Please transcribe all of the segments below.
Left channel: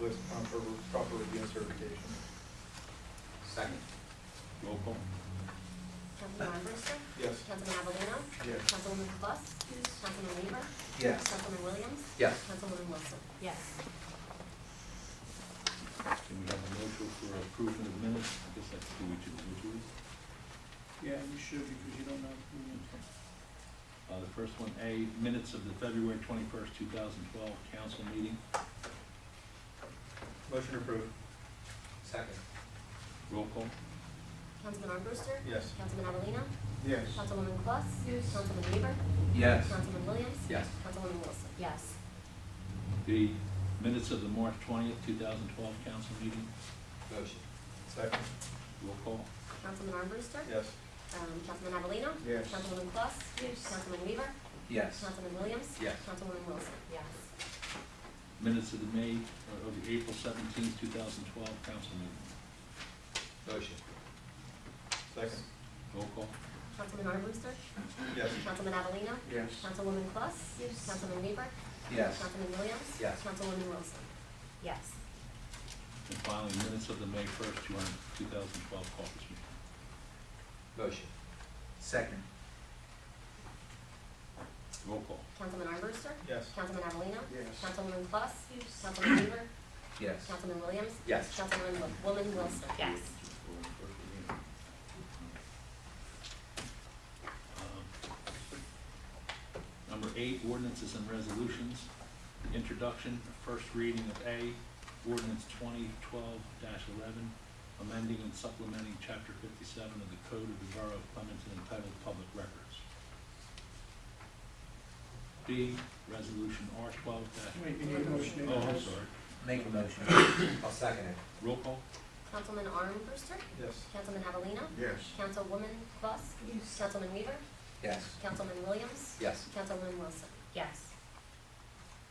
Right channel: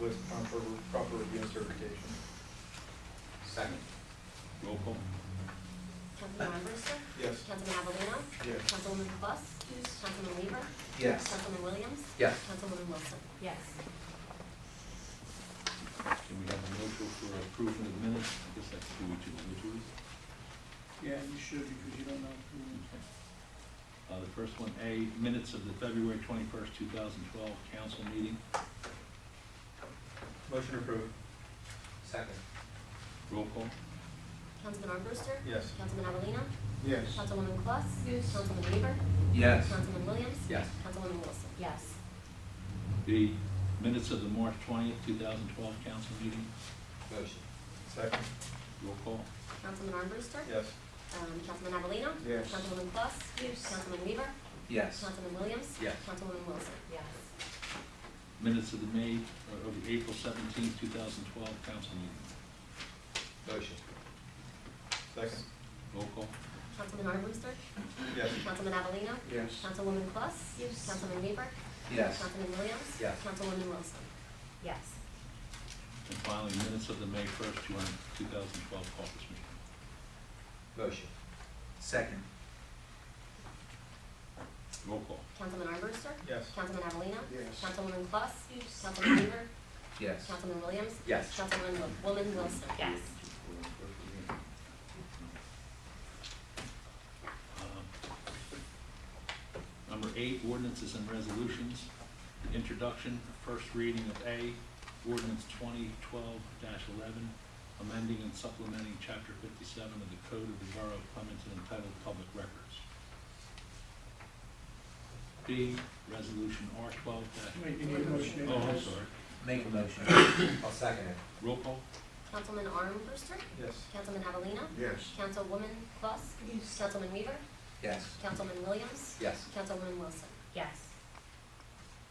list for proper review and certification. Second. Roll call. Councilman Armbruster? Yes. Councilman Avellino? Yes. Councilwoman Plus? Councilman Weaver? Yes. Councilman Williams? Yes. Councilwoman Wilson? Yes. Can we have a motion for approval of the minutes? I guess that's two each individually. Yeah, you should, because you don't know who. The first one, A, minutes of the February 21st, 2012 council meeting. Motion approved. Second. Roll call. Councilman Armbruster? Yes. Councilman Avellino? Yes. Councilwoman Plus? Councilman Weaver? Yes. Councilman Williams? Yes. Councilwoman Wilson? Yes. B, minutes of the March 20th, 2012 council meeting. Motion. Second. Roll call. Councilman Armbruster? Yes. Councilman Avellino? Yes. Councilwoman Plus? Councilman Weaver? Yes. Councilman Williams? Yes. Councilwoman Wilson? Yes. Minutes of the April 17th, 2012 council meeting. Motion. Second. Roll call. Councilman Armbruster? Yes. Councilman Avellino? Yes. Councilwoman Plus? Councilman Weaver? Yes. Councilman Williams? Yes. Councilwoman Wilson? Yes. And finally, minutes of the May 1st, 2012 caucus meeting. Motion. Second. Roll call. Councilman Armbruster? Yes. Councilman Avellino? Yes. Councilwoman Plus? Councilman Weaver? Yes. Councilman Williams? Yes. Councilwoman Wilson? Yes. Number 8, ordinances and resolutions. The introduction, first reading of A, ordinance 2012-11, amending and supplementing chapter 57 of the Code of the Borough of Clementon entitled Public Records. B, resolution R12 Wait, you need a motion. Oh, I'm sorry. Make a motion. I'll second it. Roll call. Councilman Armbruster? Yes. Councilman Avellino? Yes. Councilwoman Plus? Councilman Weaver? Yes. Councilman Williams? Yes. Councilwoman Wilson? Yes.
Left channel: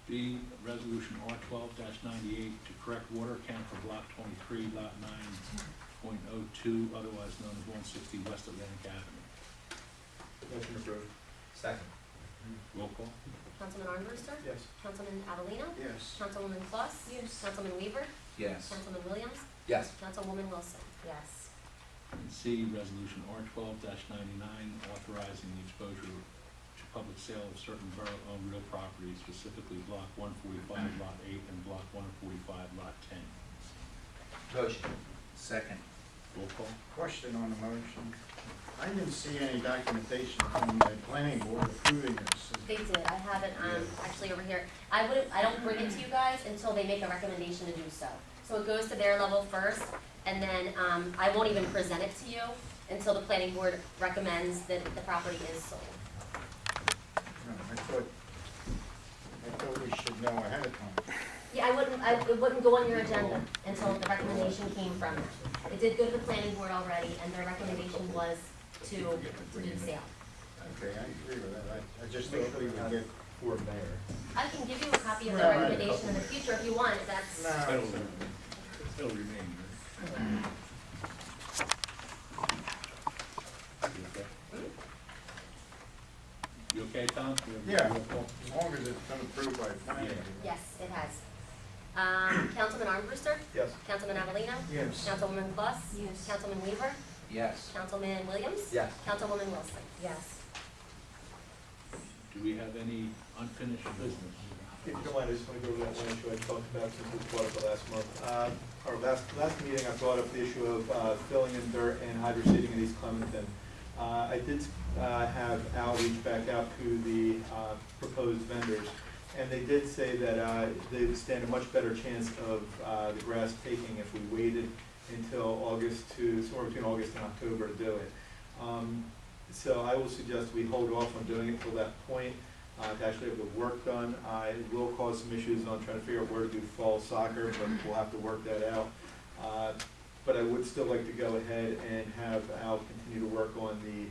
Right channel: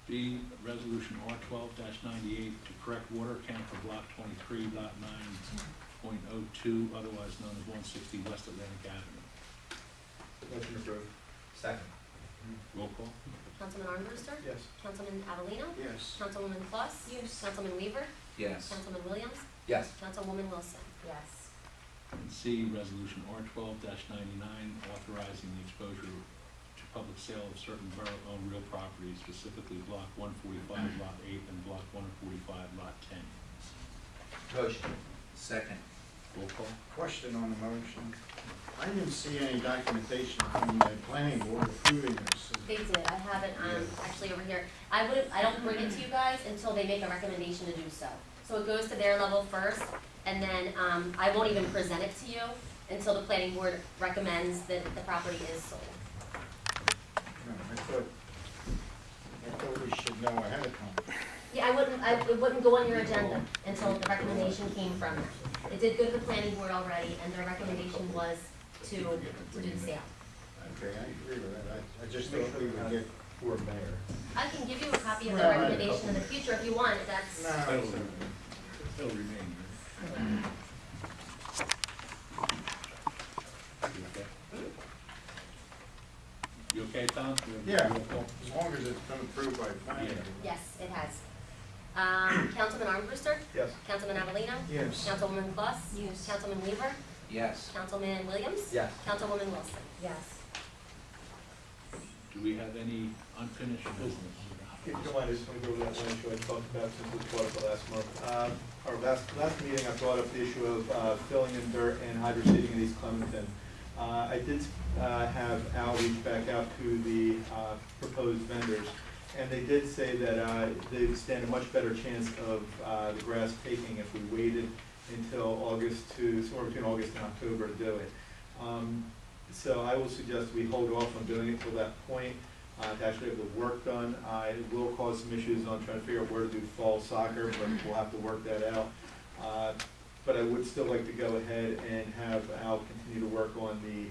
B, resolution R12-98 to correct water account for block 23, lot 9.02, otherwise known as 160 West Atlantic Avenue. Motion approved. Second. Roll call. Councilman Armbruster? Yes. Councilman Avellino? Yes. Councilwoman Plus? Councilman Weaver? Yes. Councilman Williams? Yes. Councilwoman Wilson? Yes. And C, resolution R12-99 authorizing the exposure to public sale of certain borough-owned real property, specifically block 145, lot 8, and block 145, lot 10. Motion. Second. Roll call. Question on the motion. I didn't see any documentation from the planning board approving this. They did. I have it, actually over here. I don't bring it to you guys until they make a recommendation to do so. So it goes to their level first, and then, I won't even present it to you until the planning board recommends that the property is sold. No, I thought we should know ahead of time. Yeah, it wouldn't go on your agenda until the recommendation came from them. It did go to the planning board already, and their recommendation was to do the sale. Okay, I agree with that. I just thought we would get. For mayor. I can give you a copy of the Right. recommendation in the future if you want, if that's. No. Still remain, You okay, Tom? Yeah, Roll call. as long as it's been approved by planning. board. Yes, it has. Councilman Armbruster? Yes. Councilman Avellino? Yes. Councilwoman Plus? Yes. Councilman Weaver? Yes. Councilman Williams? Yes. Councilwoman Wilson? Yes. Do we have any unfinished business? If you don't mind, I just want to go over that one issue I talked about since we brought up the last month. Our last meeting, I brought up the issue of filling in dirt and hydro seeding in East Clementon. I did have Al reach back out to the proposed vendors, and they did say that they stand a much better chance of the grass taking if we waited until somewhere between August and October to do it. So I will suggest we hold off on doing it till that point. To actually have the work done. It will cause some issues on trying to figure out where to do fall soccer, but we'll have to work that out. But I would still like to go ahead and have Al continue to work on the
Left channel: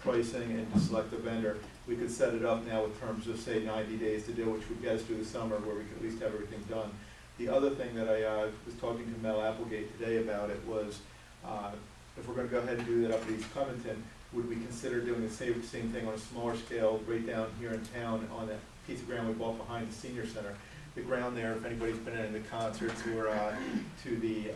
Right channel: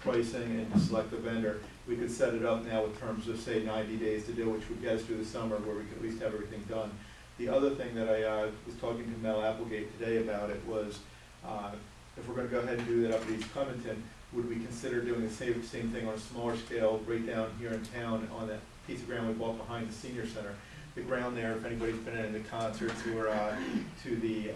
pricing and to select a vendor. We could set it up now with terms of, say, 90 days to do, which would get us through the summer where we could at least have everything done. The other thing that I was talking to Mel Applegate today about it was, if we're gonna go ahead and do that up at East Clementon, would we consider doing the same thing on a smaller scale right down here in town on that piece of ground we bought behind the senior center? the ground there, if anybody's been in the concerts or to the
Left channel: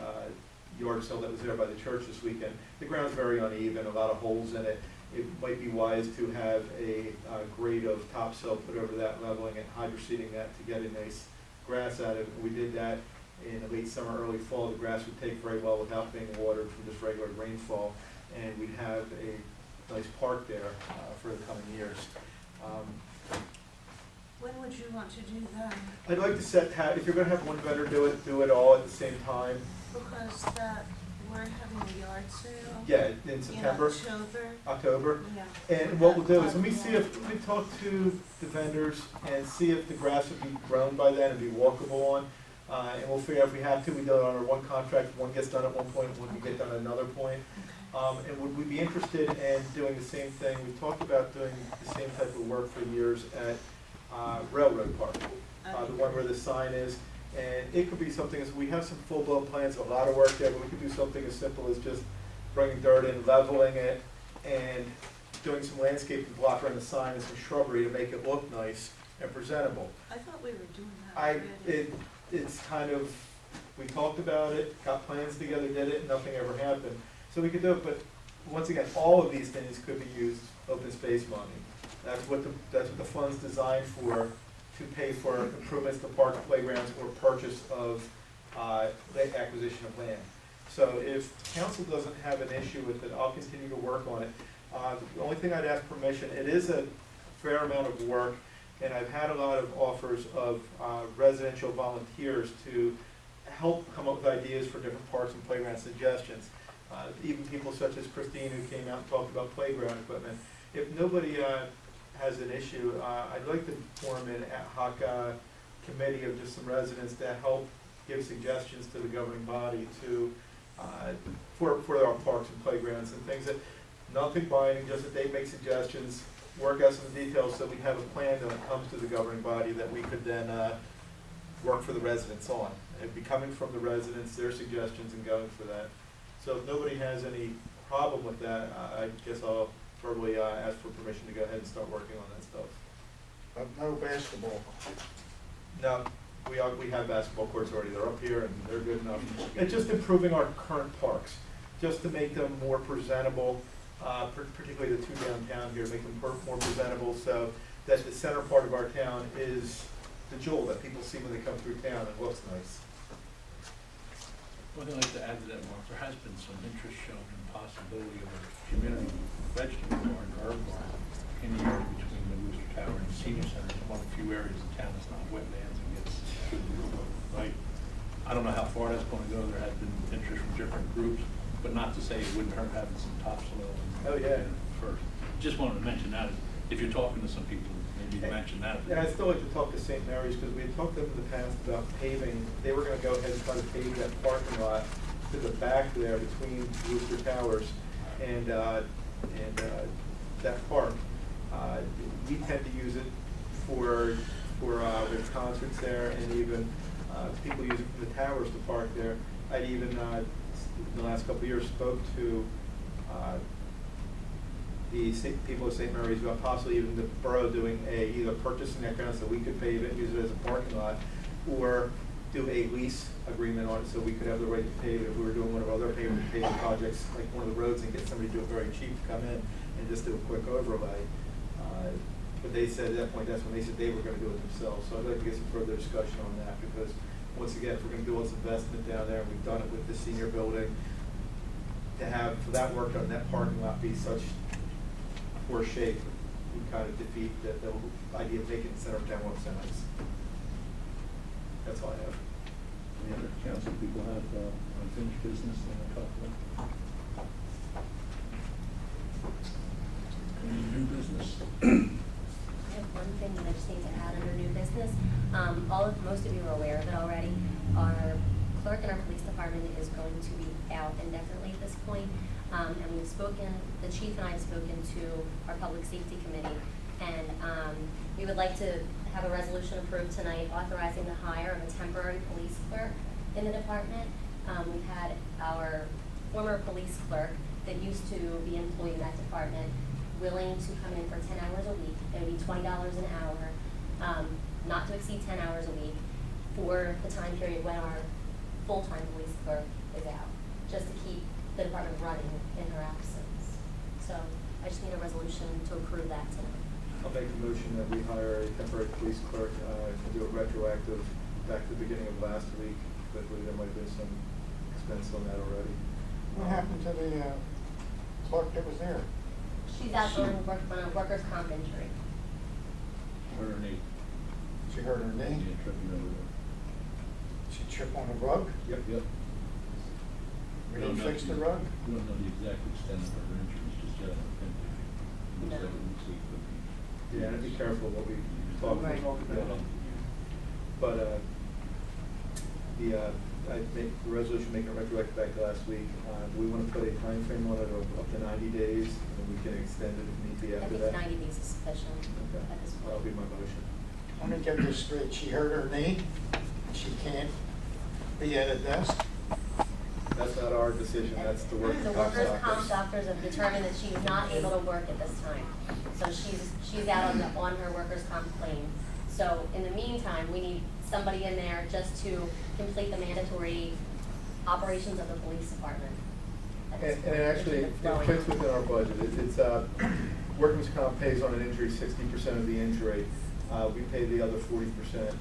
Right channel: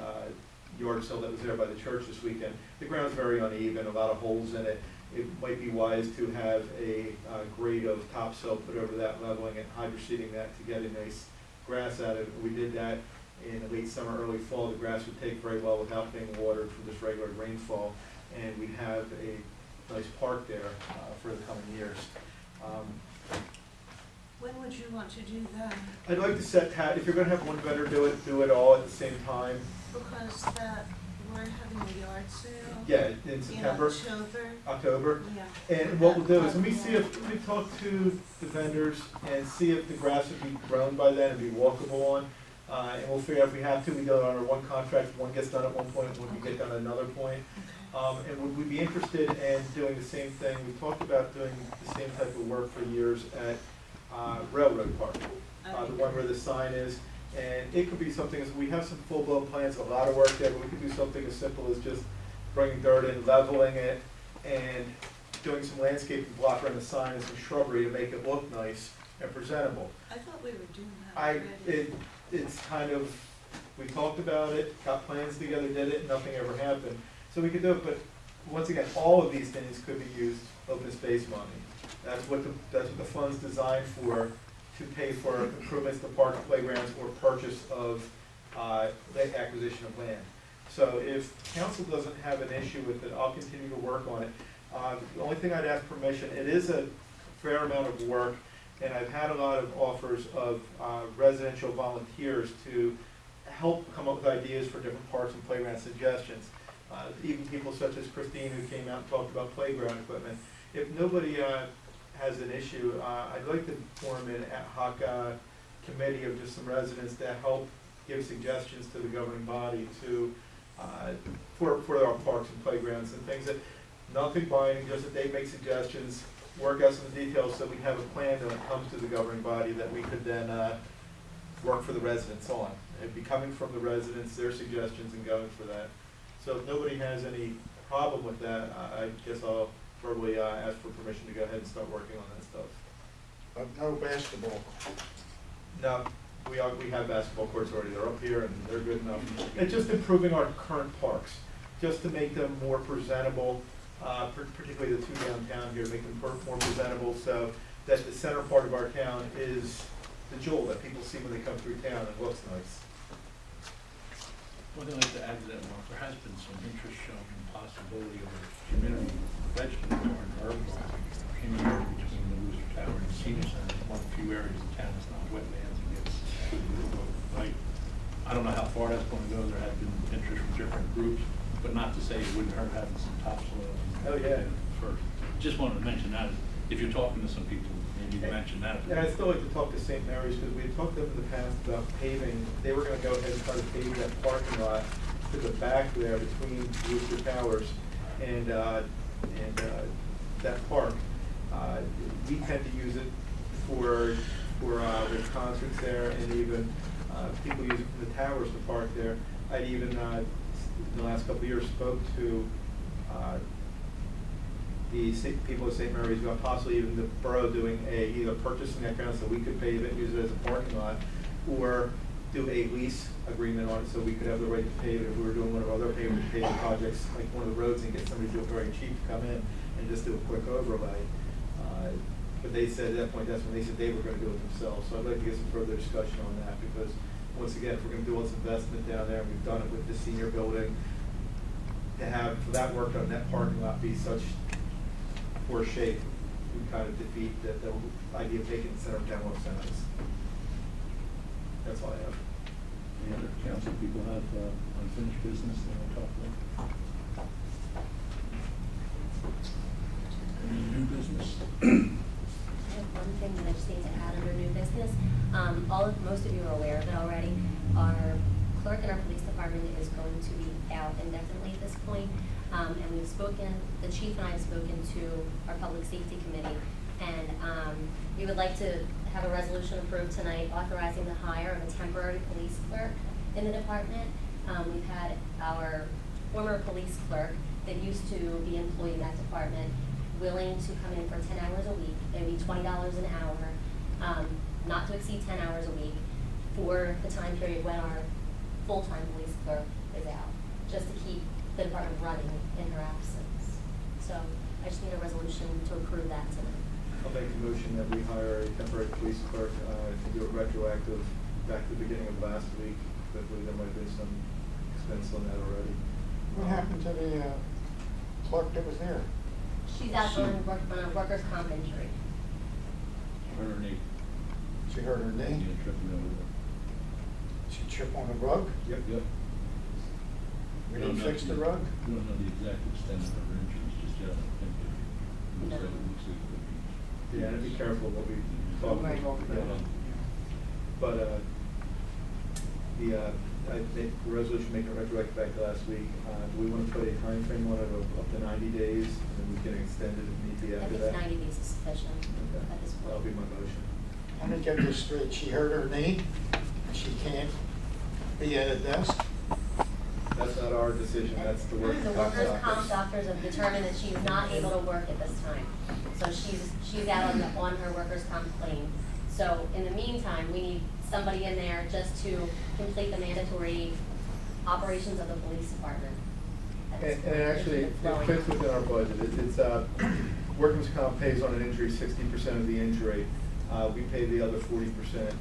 yard sale that was there by the church this weekend, the ground's very uneven, a lot of holes in it. It might be wise to have a grade of topsoil put over that, leveling it, hydro seeding that to get a nice grass out of it. We did that in the late summer, early fall. The grass would take very well without being watered from just regular rainfall, and we'd have a nice park there for the coming years. When would you want to do that? I'd like to set, if you're gonna have one vendor do it all at the same time. Because we're having a yard sale. Yeah, in September, In October. Yeah. And what we'll do is, let me talk to the vendors and see if the grass would be grown by then and be walkable on. And we'll figure out if we have to, we do it under one contract, one gets done at one point, one can get done at another point. Okay. And would we be interested in doing the same thing? We've talked about doing the same type of work for years at Railroad Park, the one where the sign is. And it could be something, as we have some full-blown plans, a lot of work there, but we could do something as simple as just bringing dirt in, leveling it, and doing some landscaping block around the sign and some shrubbery to make it look nice and presentable. I thought we were doing that already. It's kind of, we talked about it, got plans together, did it, nothing ever happened. So we could do it, but once again, all of these things could be used open space money. That's what the fund's designed for, to pay for improvements to parks, playgrounds, or purchase of the acquisition of land. So if council doesn't have an issue with it, I'll continue to work on it. The only thing I'd ask permission, it is a fair amount of work, and I've had a lot of offers of residential volunteers to help come up with ideas for different parks and playground suggestions. Even people such as Christine, who came out and talked about playground equipment. If nobody has an issue, I'd like to form an ad hoc committee of just some residents to help give suggestions to the governing body to, for our parks and playgrounds and things that, nothing binding, just that they make suggestions, work out some of the details so we have a plan when it comes to the governing body that we could then work for the residents on. It'd be coming from the residents, their suggestions, and going for that. So if nobody has any problem with that, I guess I'll verbally ask for permission to go ahead and start working on that stuff. But no basketball. No, we have basketball courts already, they're up here and they're good enough. It's just improving our current parks, just to make them more presentable, particularly the two downtown here, make them more presentable so that the center part of our town is the jewel that people see when they come through town and looks nice. One thing I'd like to add to that, Mark, there has been some interest shown in the possibility of a community vegetable garden, herb garden, in the area between the Wooster Tower and the Senior Center. It's one of the few areas in town that's not wetlands and gets good light. I don't know how far that's going to go. There has been interest from different groups, but not to say it wouldn't hurt having some topsoil. Oh, yeah. First, just wanted to mention that, if you're talking to some people, maybe mention that. Yeah, I'd still like to talk to St. Mary's, because we had talked to them in the past about paving. They were gonna go ahead and try to pave that parking lot to the back there between Wooster Towers and that park. We tend to use it for with concerts there, and even people use it from the towers to park there. I'd even, the last couple of years, spoke to the people of St. Mary's about possibly even the borough doing either purchasing that ground so we could pave it, use it as a parking lot, or do a lease agreement on it so we could have the right to pave it if we were doing one of our other paving projects, like one of the roads, and get somebody to do it very cheap to come in and just do a quick overlay. But they said at that point, that's when they said they were gonna do it themselves. So I'd like to get some further discussion on that, because once again, if we're gonna do all this investment down there, and we've done it with the senior building, to have, for that work done, that parking lot be such poor shape would kind of defeat the idea of making the center of town look so nice. That's all I have. Any other council people have unfinished business they want to talk about? Any new business? I have one thing that I just need to add under new business. Most of you are aware of it already. Our clerk in our police department is going to be out indefinitely at this point. And we've spoken, the chief and I have spoken to our public safety committee. And we would like to have a resolution approved tonight authorizing the hire of a temporary police clerk in the department. We've had our former police clerk that used to be employed in that department willing to come in for 10 hours a week. It would be $20 an hour, not to exceed 10 hours a week. for the time period when our full-time police clerk is out, just to keep the department running in her absence. So I just need a resolution to approve that tonight. I'll make a motion that we hire a temporary police clerk, to do it retroactive back to the beginning of last week, because I believe there might have been some expense on that already. What happened to the clerk that was there? She's out on a workers' comp injury. Her knee, She hurt her knee? yeah, tripping over there. She tripped on the rug? Yep. Yep. We didn't fix the rug? We don't know the exact extent of her injuries just yet, I don't think. It looks like it could be. Yeah, and be careful what we talk Right. about. Talk about, Yeah. yeah. But, I make the resolution making it retroactive back to last week. Do we want to put a time frame on it of up to 90 days, and we can extend it if need be I after think that? 90 days is sufficient Okay, at this point. that'll be my motion. Let me get this straight. She hurt her knee, and she can't be at a desk? That's not our decision, that's the workers' The comp workers' comp doctors. doctors have determined that she's not able to work at this time. So she's out on her workers' comp claim. So in the meantime, we need somebody in there just to complete the mandatory operations of the police department. at this And point, it actually, which is it flowing. fits within our budget. It's, workers' comp pays on an injury 60% of the injury. We pay the other 40%.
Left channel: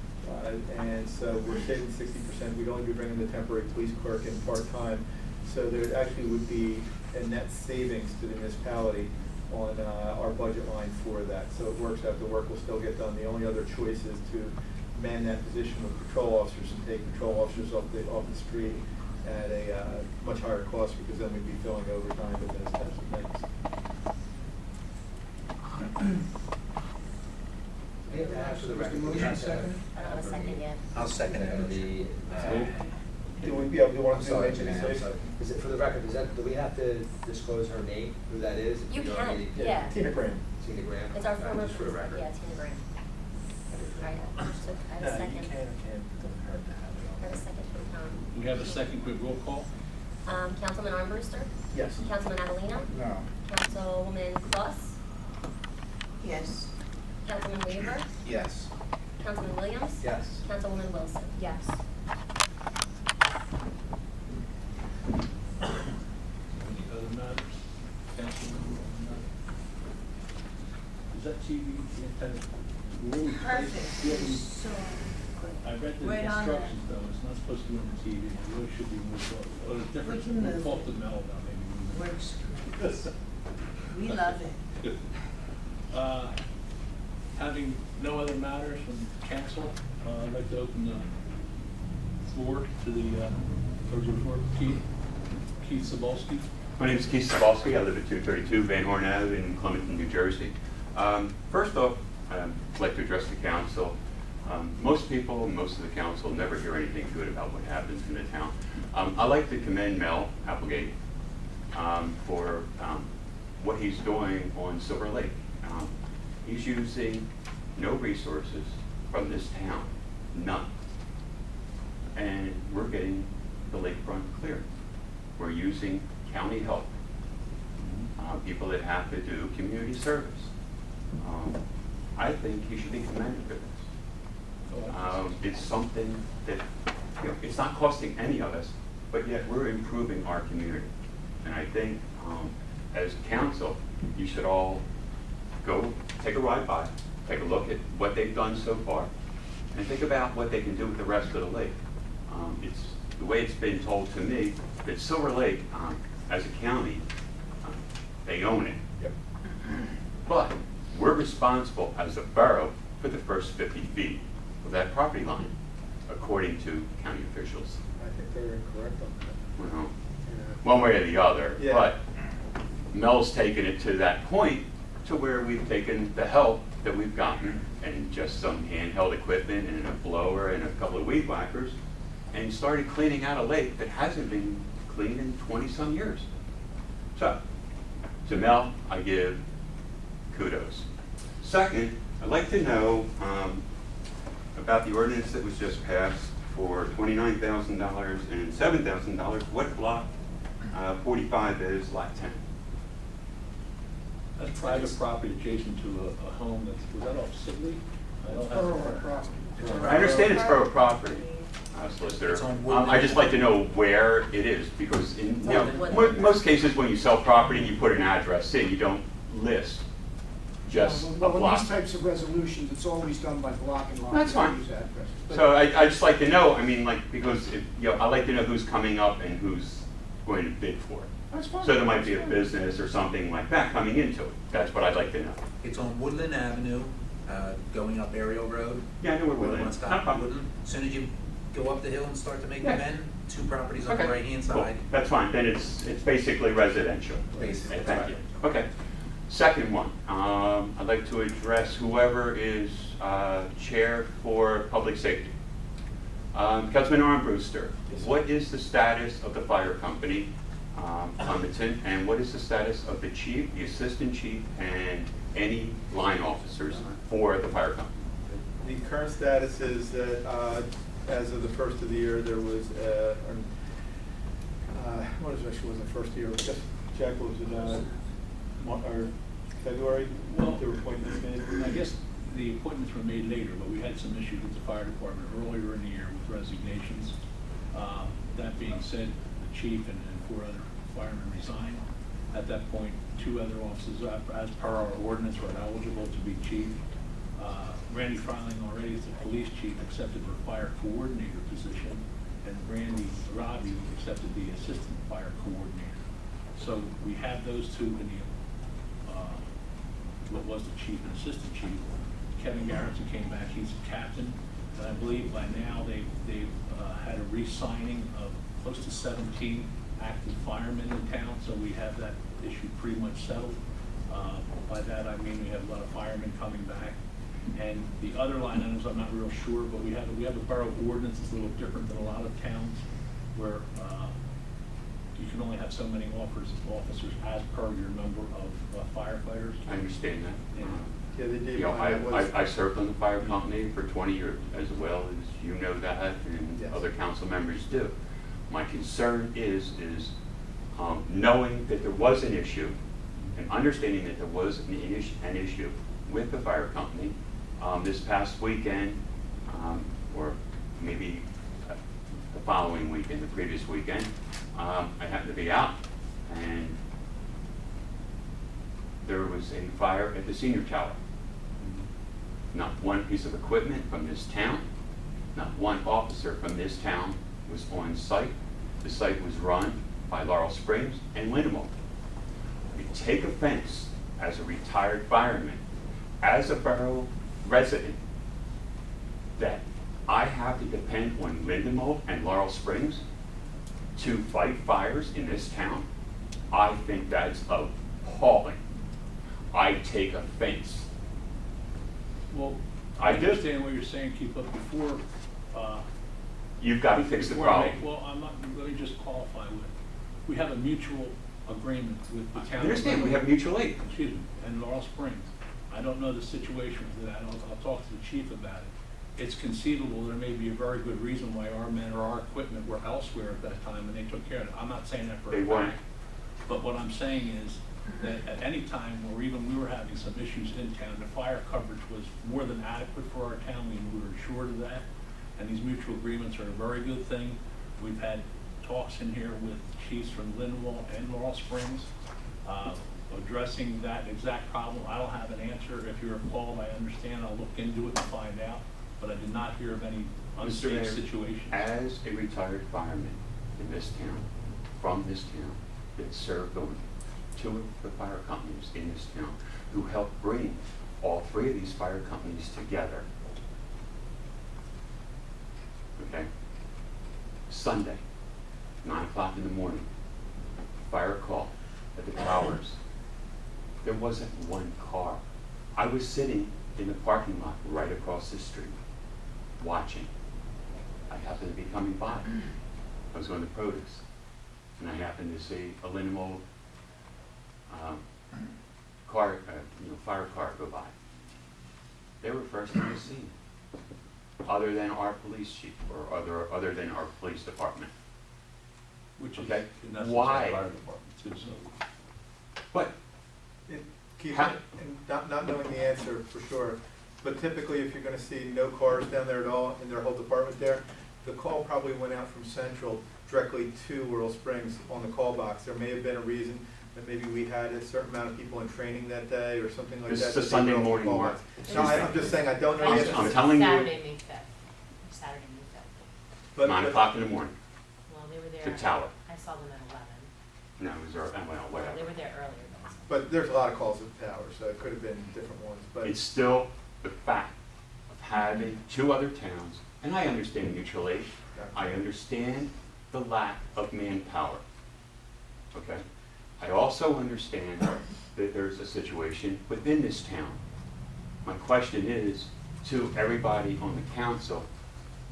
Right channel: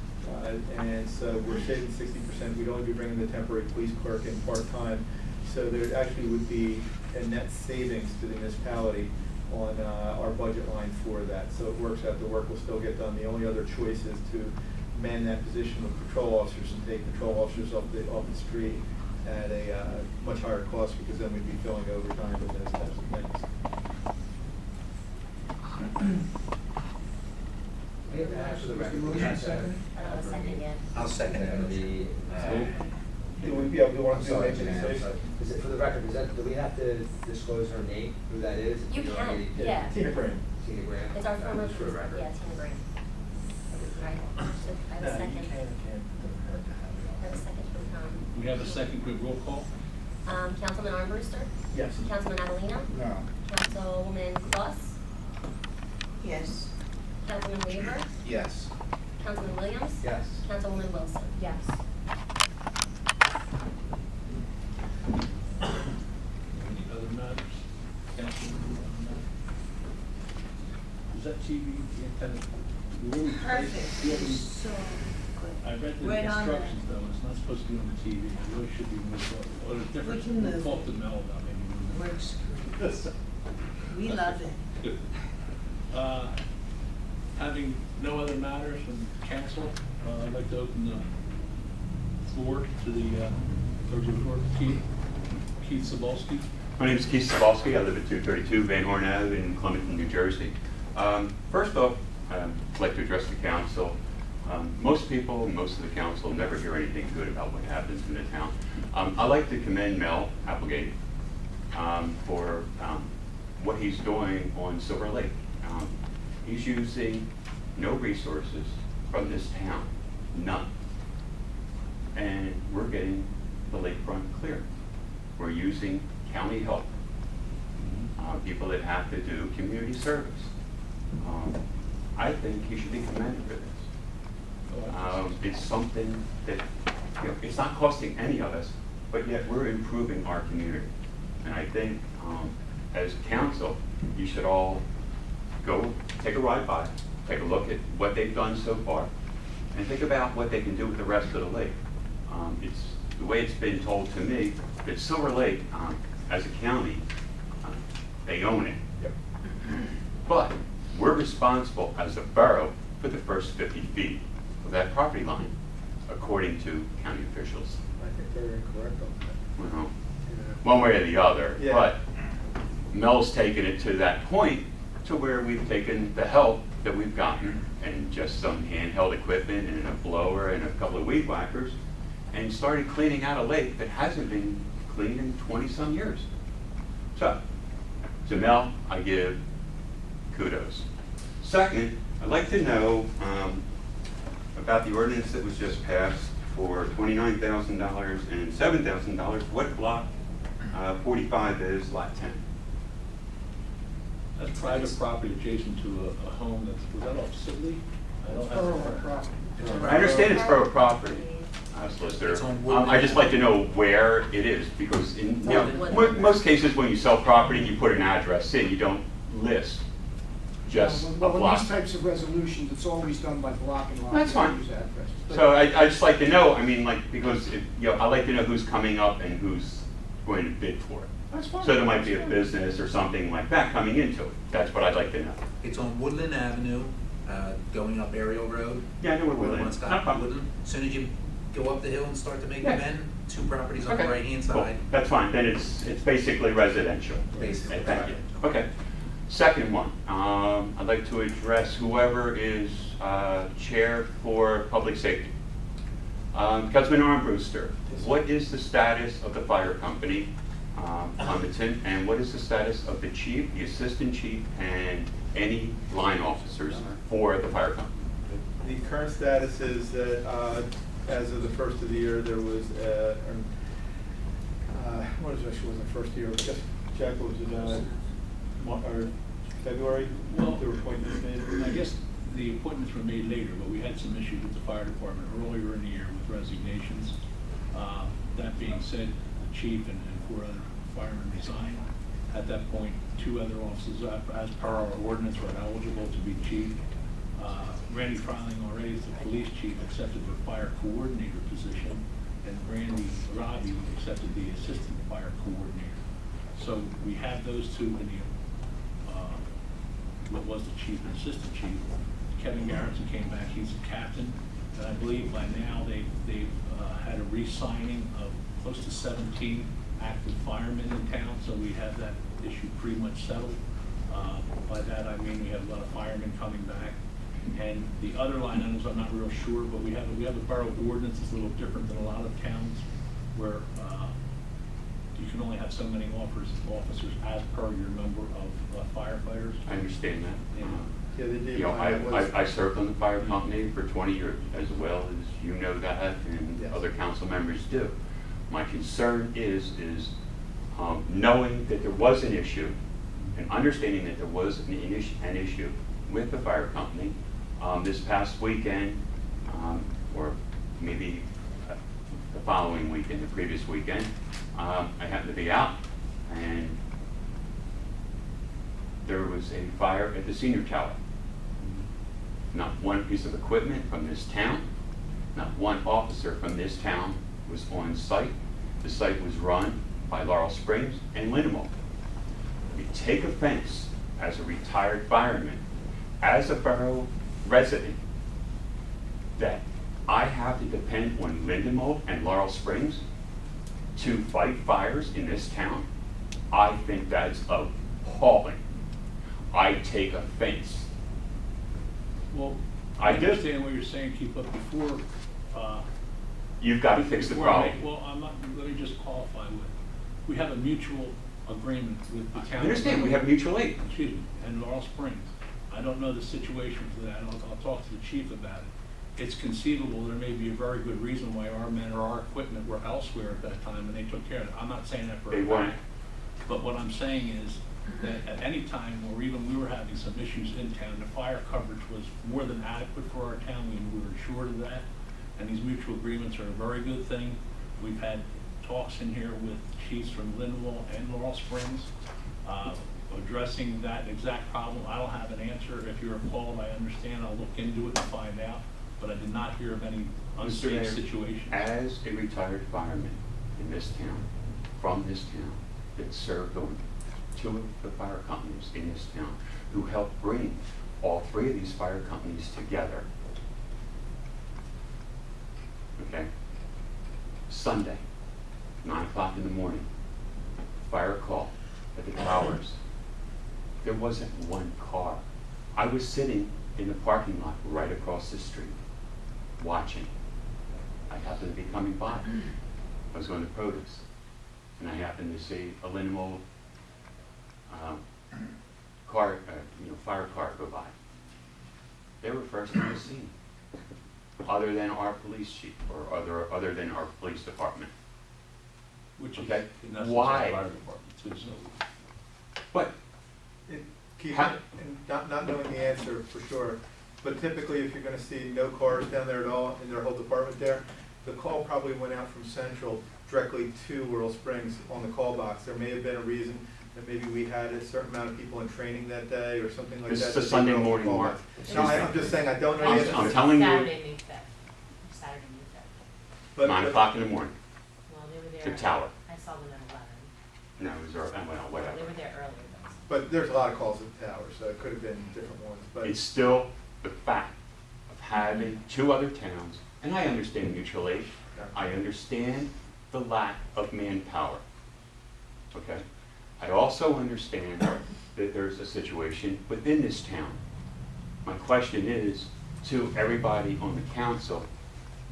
And so we're saving 60%. We'd only be bringing the temporary police clerk in part-time. So there actually would be a net savings to the municipality on our budget line for that. So it works out, the work will still get done. The only other choice is to man that position with patrol officers and take patrol officers off the street at a much higher cost, because then we'd be filling overtime with those types of things. We have to ask for the record. Was the motion seconded? I don't have a second yet. I'll second it for the, Do we, yeah, we want I'm to sorry, make it Jan, I'm safe? sorry. Is it, for the record, do we have to disclose her name, who that is? You We can, already- yeah. Tina Graham. Tina Graham? It's our former, Just for the record. yeah, Tina Graham. Alright, so I have a second. I have a second from Tom. We have a second, quick roll call. Councilman Armbruster? Yes. Councilman Avellino? No. Councilwoman Kloss? Yes. Councilman Weaver? Yes. Councilman Williams? Yes. Councilwoman Wilson? Yes. Any other matters? Council, any other matters? Is that TV antenna? Will we place- Perfect. will we- So good. I read the Right on there. instructions though, it's not supposed to be on the TV, it really should be moved, or a different, can we'll move talk it. to Mel about maybe moving it. Works great. We love it. Having no other matters from council, I'd like to open the floor to the clerk's report. Keith Sobolski. My name is Keith Sabalski. I live at 232 Van Horn Ave in Clementon, New Jersey. First off, I'd like to address the council. Most people, most of the council never hear anything good about what happens in the town. I'd like to commend Mel Applegate for what he's doing on Silver Lake. He's using no resources from this town, none. And we're getting the lakefront clear. We're using county help, people that have to do community service. I think he should be commended for this. It's something that, you know, it's not costing any of us, but yet we're improving our community. And I think, as a council, you should all go take a ride by, take a look at what they've done so far, and think about what they can do with the rest of the lake. It's the way it's been told to me that Silver Lake, as a county, they own it. Yep. But we're responsible as a borough for the first 50 feet of that property line, according to county officials. I think they're incorrect on that. Well, Yeah. one way or the other. Yeah. But Mel's taken it to that point to where we've taken the help that we've gotten and just some handheld equipment and a blower and a couple of weed whackers and started cleaning out a lake that hasn't been cleaned in 20-some years. So, to Mel, I give kudos. Second, I'd like to know about the ordinance that was just passed for $29,000 and $7,000. What block 45 is lot 10? That's private property adjacent to a home that's, was that off Sibley? I I don't It's have. borough property. I understand it's borough property, Solicitor. It's on Woodland. I'd just like to know where it is, because in, you know, most cases when you sell property, you put an address in, you don't list just a Well, with block. these types of resolutions, it's always done by block and lot. That's We don't fine. use addresses. But- So I just like to know, I mean, like, because, you know, I like to know who's coming up and who's going to bid for it. That's fine. So there might be a business or something like that coming into it. That's what I'd like to know. It's on Woodland Avenue, going up Ariel Road. Yeah, I know where Where the Woodland one is. stop No problem. Woodland. As soon as you go up the hill and start to make the Yeah. bend, 2 properties on the Okay. right-hand Cool. side. That's fine, then it's basically residential. Basically, Thank you. Okay. Second one, I'd like to address whoever is chair for public safety. Councilman Armbruster, what is the status of the fire company, Clementon, and what is the status of the chief, the assistant chief, and any line officers for the fire company? The current status is that, as of the first of the year, there was, what is it, actually wasn't the first year, but just, Jack, what was it, or February, Well, there were appointments made? I guess the appointments were made later, but we had some issues with the fire department earlier in the year with resignations. That being said, the chief and 4 other firemen resigned. At that point, 2 other officers, as per our ordinance, were eligible to be chief. Randy Fryling already is the police chief, accepted the fire coordinator position, and Randy Robbie accepted the assistant fire coordinator. So we have those 2 in the, what was the chief and assistant chief. Kevin Garrettson came back, he's a captain, and I believe by now they've had a re-signing of close to 17 active firemen in town, so we have that issue pretty much settled. By that I mean we have a lot of firemen coming back. And the other line items, I'm not real sure, but we have a borough ordinance that's a little different than a lot of towns, where you can only have so many officers as per your number of firefighters. I understand that. Yeah, they did. You know, that was- I served on the fire company for 20 years, as well as you know that, and Yes. other council members do. My concern is knowing that there was an issue, and understanding that there was an issue with the fire company, this past weekend, or maybe the following weekend, the previous weekend, I happened to be out, and there was a fire at the senior tower. Not one piece of equipment from this town, not one officer from this town was on site. The site was run by Laurel Springs and Lindenwood. I take offense as a retired fireman, as a borough resident, that I have to depend on Lindenwood and Laurel Springs to fight fires in this town. I think that's appalling. I take offense. Well, I I do. understand what you're saying, keep up before. You've got to fix the before I problem. make- Well, I'm not, let me just qualify with, we have a mutual agreement with the I town. understand, we have mutual aid. Excuse me, and Laurel Springs. I don't know the situation for that, I'll talk to the chief about it. It's conceivable there may be a very good reason why our men or our equipment were elsewhere at that time and they took care of it. I'm not saying that for They a weren't. fact. But what I'm saying is that at any time, or even we were having some issues in town, the fire coverage was more than adequate for our town, we were assured of that. And these mutual agreements are a very good thing. We've had talks in here with chiefs from Lindenwood and Laurel Springs, addressing that exact problem. I don't have an answer. If you're appalled, I understand. I'll look into it and find out. But I did not hear of any Mr. unsafe Mayor, situations. as a retired fireman in this town, from this town, that served on 2 of the fire companies in this town, who helped bring all 3 of these fire companies together. Okay? Sunday, 9 o'clock in the morning, fire call at the towers. There wasn't one car. I was sitting in the parking lot right across the street, watching. I happened to be coming by. I was going to produce, and I happened to see a Lindenwood car, fire car go by. They were first on the scene, other than our police chief or other than our police department. Which is, Okay. in essence, Why? our fire department too, so. But Keith, How- and not knowing the answer for sure, But typically, if you're gonna see no cars down there at all in their whole department there, the call probably went out from Central directly to Laurel Springs on the call box. There may have been a reason that maybe we had a certain amount of people in training that day or something like that. This is a that they Sunday were on the morning call mark. box. No, I'm just saying, I don't know the I'm answer. telling you, Saturday, May 5th. Saturday, May 5th. But- 9 but- o'clock in the morning, Well, they were there. to Tower. I saw them at 11. No, it was, well, Well, whatever. they were there earlier, but I saw them. But there's a lot of calls at the tower, so it could have been different ones, but. It's still the fact of having two other towns, and I understand mutual aid, I understand the lack of manpower, okay? I also understand that there's a situation within this town. My question is, to everybody on the council,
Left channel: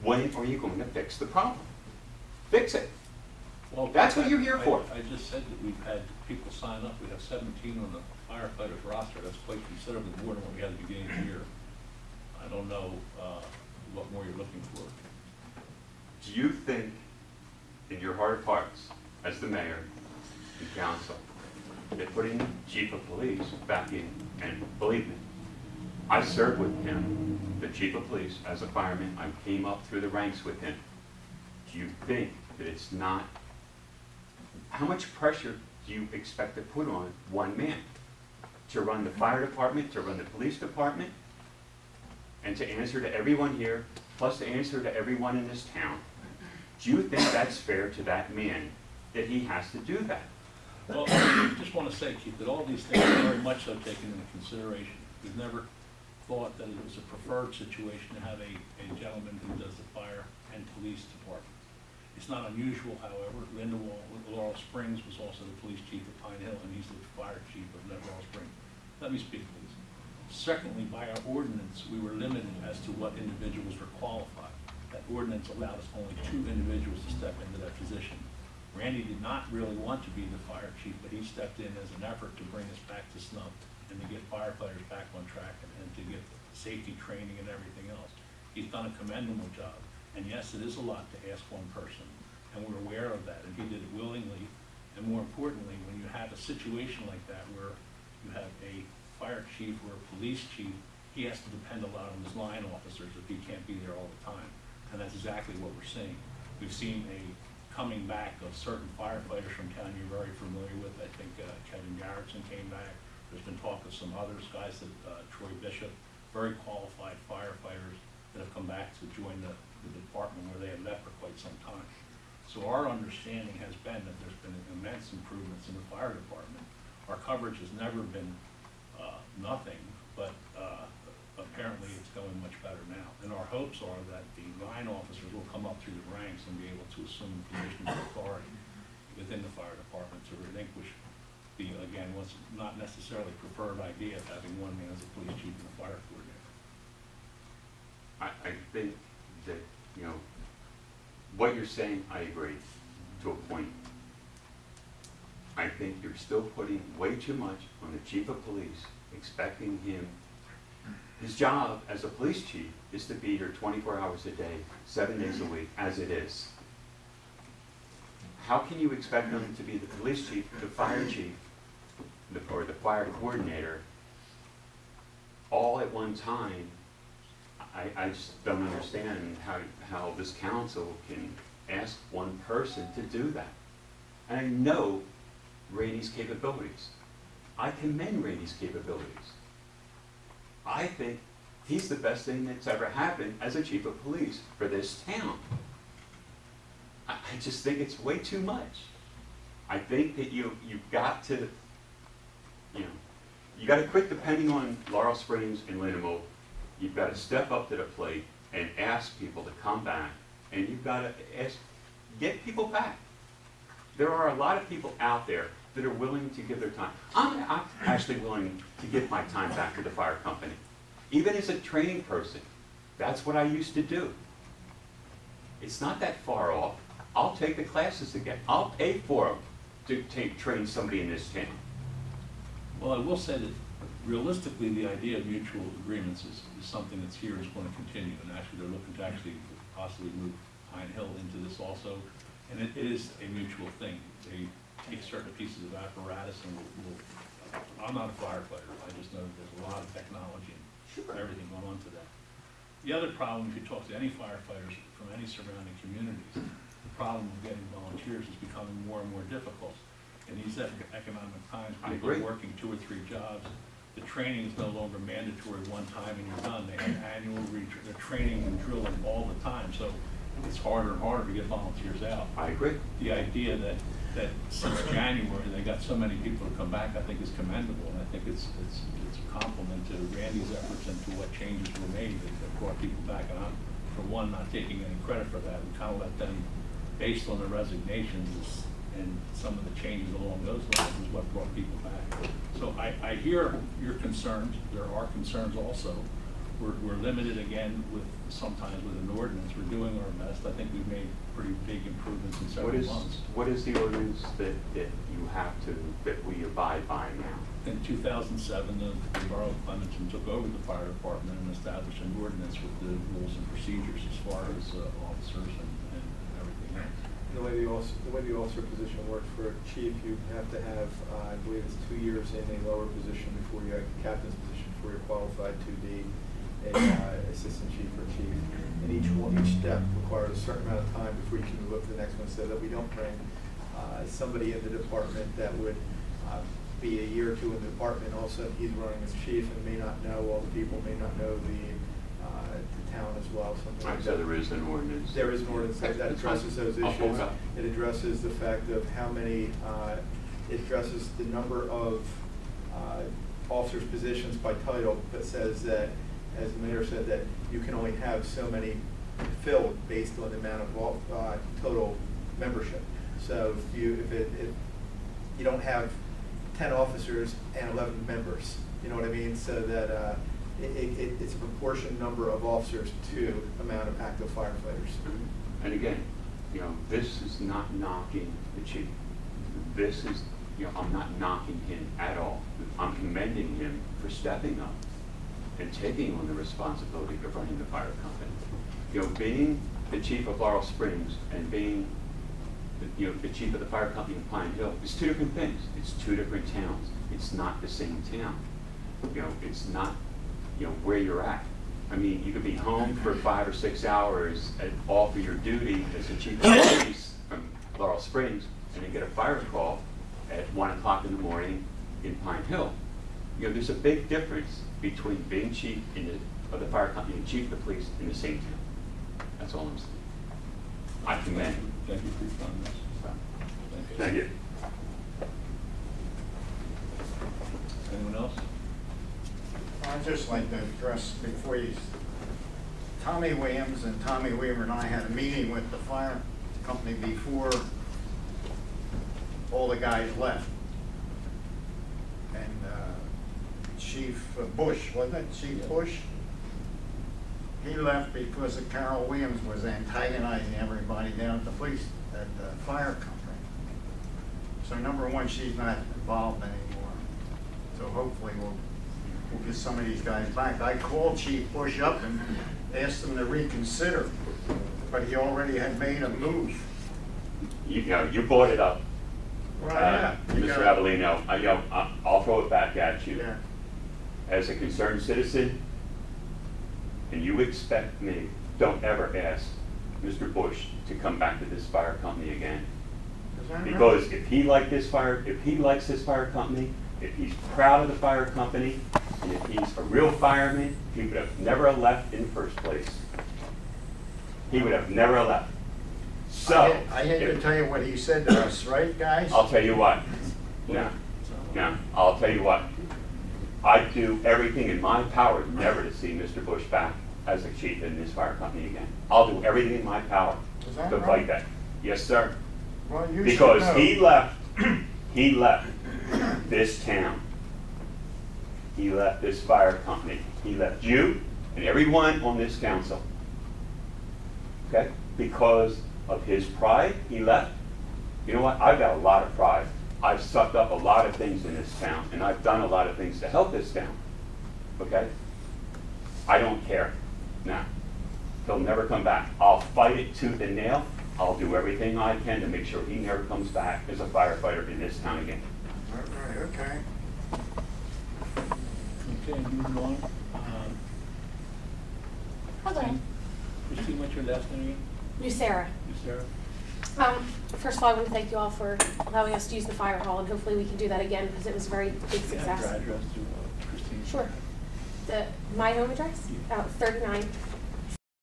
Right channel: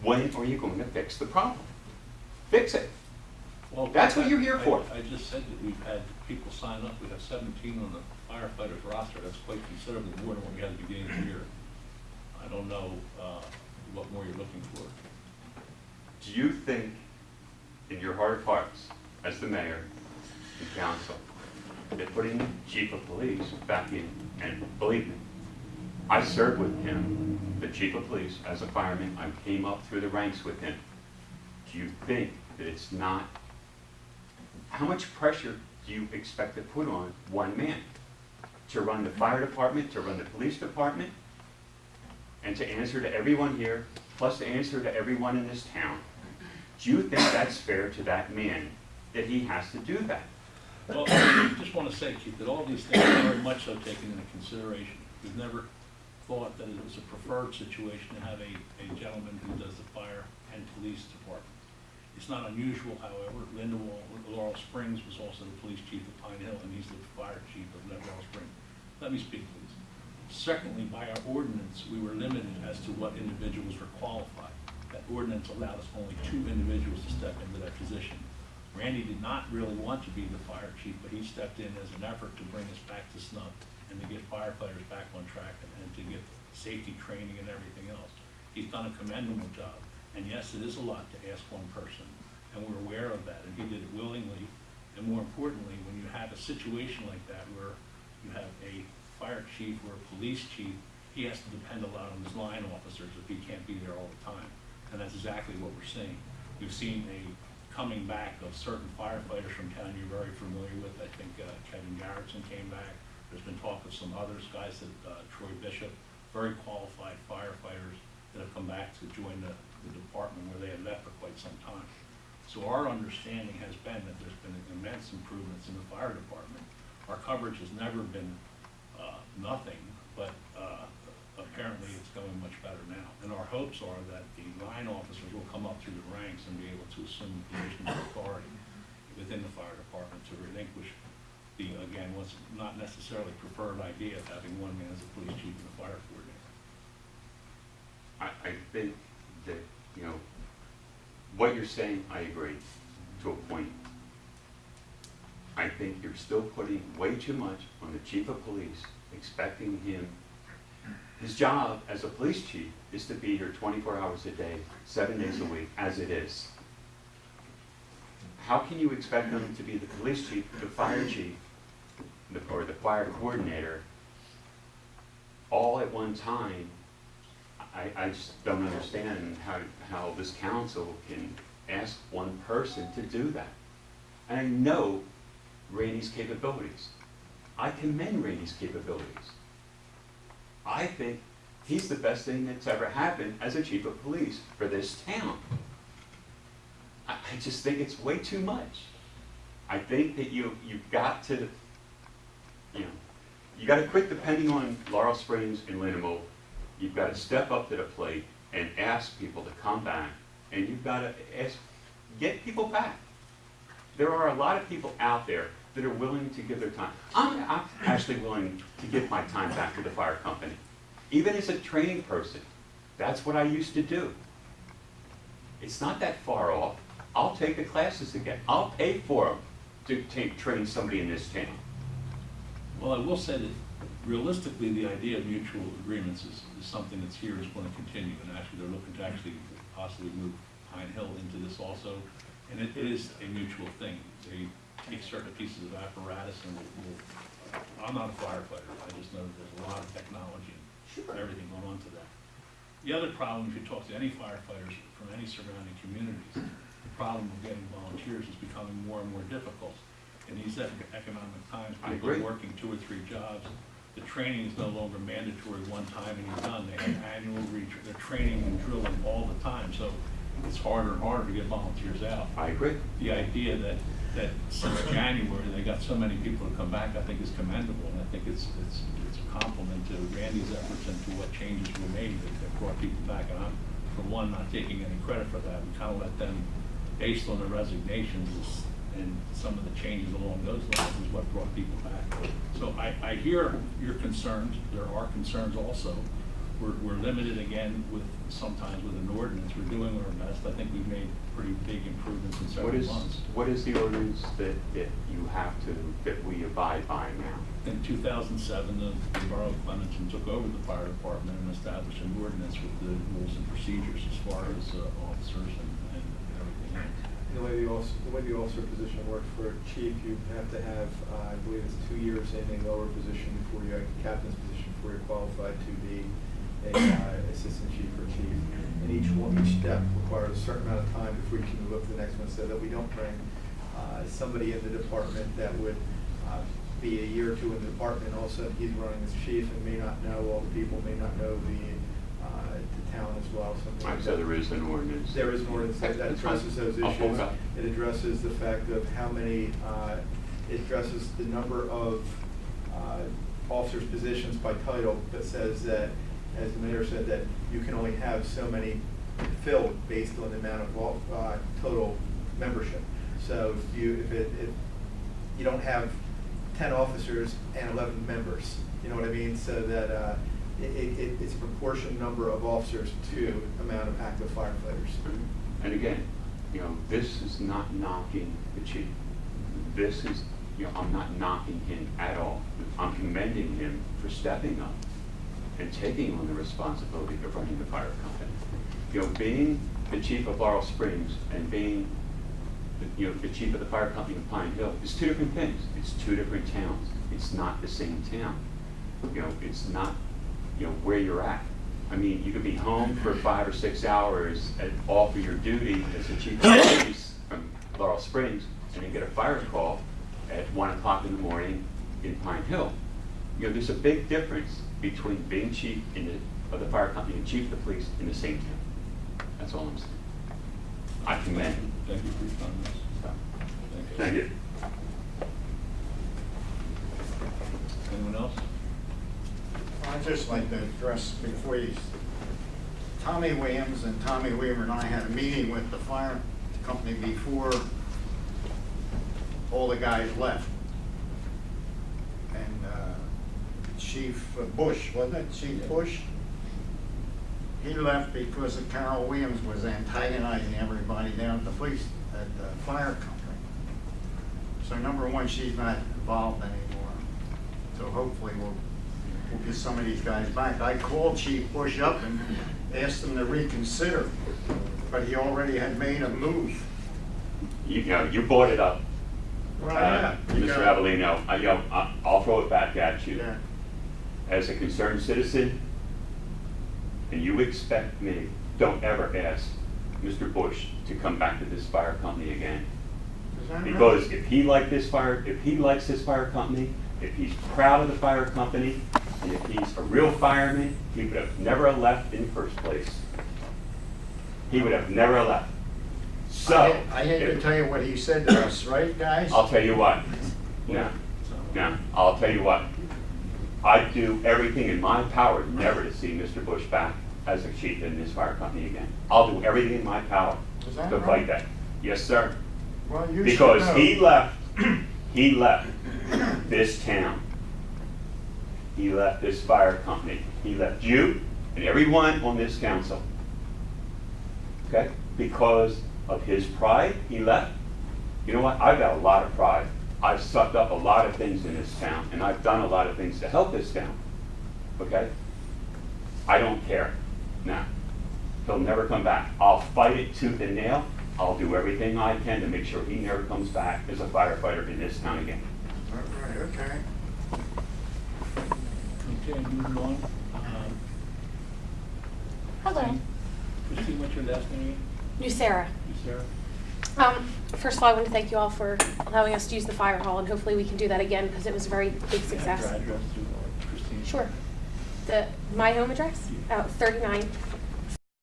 when are you going to fix the problem? Fix it. Well, That's what you're here for. I just said that we've had people sign up, we have 17 on the firefighters roster, that's quite considerably more than what we had at the beginning of the year. I don't know what more you're looking for. Do you think, in your heart of hearts, as the mayor and council, that putting chief of police back in, and believe me, I served with him, the chief of police, as a fireman, I came up through the ranks with him. Do you think that it's not, how much pressure do you expect to put on one man? To run the fire department, to run the police department, and to answer to everyone here, plus to answer to everyone in this town? Do you think that's fair to that man, that he has to do that? Well, I just want to say, Keith, that all these things are very much so taken into consideration. We've never thought that it was a preferred situation to have a gentleman who does the fire and police departments. It's not unusual, however. Lindewall, Laurel Springs was also the police chief of Pine Hill, and he's the fire chief of Laurel Springs. Let me speak, please. Secondly, by our ordinance, we were limited as to what individuals were qualified. That ordinance allowed us only 2 individuals to step into that position. Randy did not really want to be the fire chief, but he stepped in as an effort to bring us back to snuff and to get firefighters back on track and to get safety training and everything else. He's done a commendable job. And yes, it is a lot to ask one person, and we're aware of that, and he did it willingly. And more importantly, when you have a situation like that where you have a fire chief or a police chief, he has to depend a lot on his line officers if he can't be there all the time. And that's exactly what we're seeing. We've seen a coming back of certain firefighters from town you're very familiar with. I think Kevin Garrettson came back. There's been talk of some others, guys that Troy Bishop, very qualified firefighters that have come back to join the department where they had left for quite some time. So our understanding has been that there's been immense improvements in the fire department. Our coverage has never been nothing, but apparently it's going much better now. And our hopes are that the line officers will come up through the ranks and be able to assume positions of authority within the fire department to relinquish the, again, what's not necessarily preferred idea of having one man as a police chief and a fire coordinator. I think that, you know, what you're saying, I agree to a point. I think you're still putting way too much on the chief of police, expecting him, his job as a police chief is to be here 24 hours a day, 7 days a week, as it is. How can you expect him to be the police chief, the fire chief, or the fire coordinator, all at one time? I just don't understand how this council can ask one person to do that. And I know Randy's capabilities. I commend Randy's capabilities. I think he's the best thing that's ever happened as a chief of police for this town. I just think it's way too much. I think that you've got to, you got to quit depending on Laurel Springs and Lindenwood. You've got to step up to the plate and ask people to come back, and you've got to get people back. There are a lot of people out there that are willing to give their time. I'm actually willing to give my time back to the fire company. Even as a training person, that's what I used to do. It's not that far off. I'll take the classes again. I'll pay for them to train somebody in this town. Well, I will say that realistically, the idea of mutual agreements is something that's here, is going to continue, and actually they're looking to actually possibly move Pine Hill into this also, and it is a mutual thing. They take certain pieces of apparatus and I'm not a firefighter, I just know that there's a lot of technology and everything going on to that. The other problem, if you talk to any firefighters from any surrounding communities, the problem of getting volunteers is becoming more and more difficult. In these economic times, I people are agree. working 2 or 3 jobs. The training is no longer mandatory one time and you're done. They have annual they're training and drilling all the time, so it's harder and harder to get volunteers out. I agree. The idea that since January, they got so many people to come back, I think is commendable, and I think it's a compliment to Randy's efforts and to what changes were made that brought people back. And I'm, for one, not taking any credit for that. We kind of let them, based on the resignations and some of the changes along those lines, is what brought people back. So I hear your concerns. There are concerns also. We're limited again sometimes with an ordinance. We're doing our best. I think we've made pretty big improvements in several months. What is the ordinance that that we abide by now? In 2007, the Borough of Clementon took over the fire department and established an ordinance with the rules and procedures as far as officers and everything else. And the way the officer position works for a chief, you have to have, I believe it's 2 years in a lower position before you, captain's position, before you're qualified to be a assistant chief or chief. And each step requires a certain amount of time before you can move up to the next one, so that we don't bring somebody in the department that would be a year or two in the department, all of a sudden he's running as chief and may not know all the people, may not know the town as well, something like that. So there is an ordinance. There is an ordinance that addresses those I'll pull issues. it up. It addresses the fact of how many, it addresses the number of officers' positions by title, but says that, as the mayor said, that you can only have so many filled based on the amount of total membership. So if you don't have 10 officers and 11 members, you know what I mean? So that it's a proportion number of officers to amount of active firefighters. And again, this is not knocking the chief. This is, I'm not knocking him at all. I'm commending him for stepping up and taking on the responsibility of running the fire company. Being the chief of Laurel Springs and being the chief of the fire company in Pine Hill is 2 different things. It's 2 different towns. It's not the same town. It's not, where you're at. I mean, you could be home for 5 or 6 hours all for your duty as the chief of police from Laurel Springs, and then get a fire call at 1 o'clock in the morning in Pine Hill. There's a big difference between being chief of the fire company and chief of the police in the same town. That's all I'm saying. I commend him. Thank you for your comments. Thank you. Anyone else? I'd just like to address before you, Tommy Williams and Tommy Weaver and I had a meeting with the fire company before all the guys left. And Chief Bush, wasn't it, Chief Bush? He left because of Carol Williams was antagonizing everybody down at the fire company. So number one, she's not involved anymore. So hopefully we'll get some of these guys back. I called Chief Bush up and asked him to reconsider, but he already had made a move. You brought it up. Well, yeah. Mr. Avellino, I'll throw it back at you. Yeah. As a concerned citizen, and you expect me, don't ever ask Mr. Bush to come back to this fire company again. Is that right? Because if he likes this fire company, if he's proud of the fire company, and if he's a real fireman, he would have never left in the first place. He would have never left. So. I hate to tell you what he said to us, right, guys? I'll tell you what. Now, I'll tell you what. I'd do everything in my power never to see Mr. Bush back as a chief in this fire company again. I'll do everything in my power Is that to right? fight that. Yes, sir. Well, you Because should know. he left this town. He left this fire company. He left you and everyone on this council. Okay? Because of his pride, he left. You know what? I've got a lot of pride. I've sucked up a lot of things in this town, and I've done a lot of things to help this town. Okay? I don't care. Now, he'll never come back. I'll fight it tooth and nail. I'll do everything I can to make sure he never comes back as a firefighter in this town again. All right, okay. Okay, moving on. Hello. Christine, what's your last name again? New Sarah. You, Sarah? First of all, I want to thank you all for allowing us to use the fire hall, and hopefully we can do that again, because it was a very big Can I success. have your address to Christine? Sure. My home address? Yeah. 39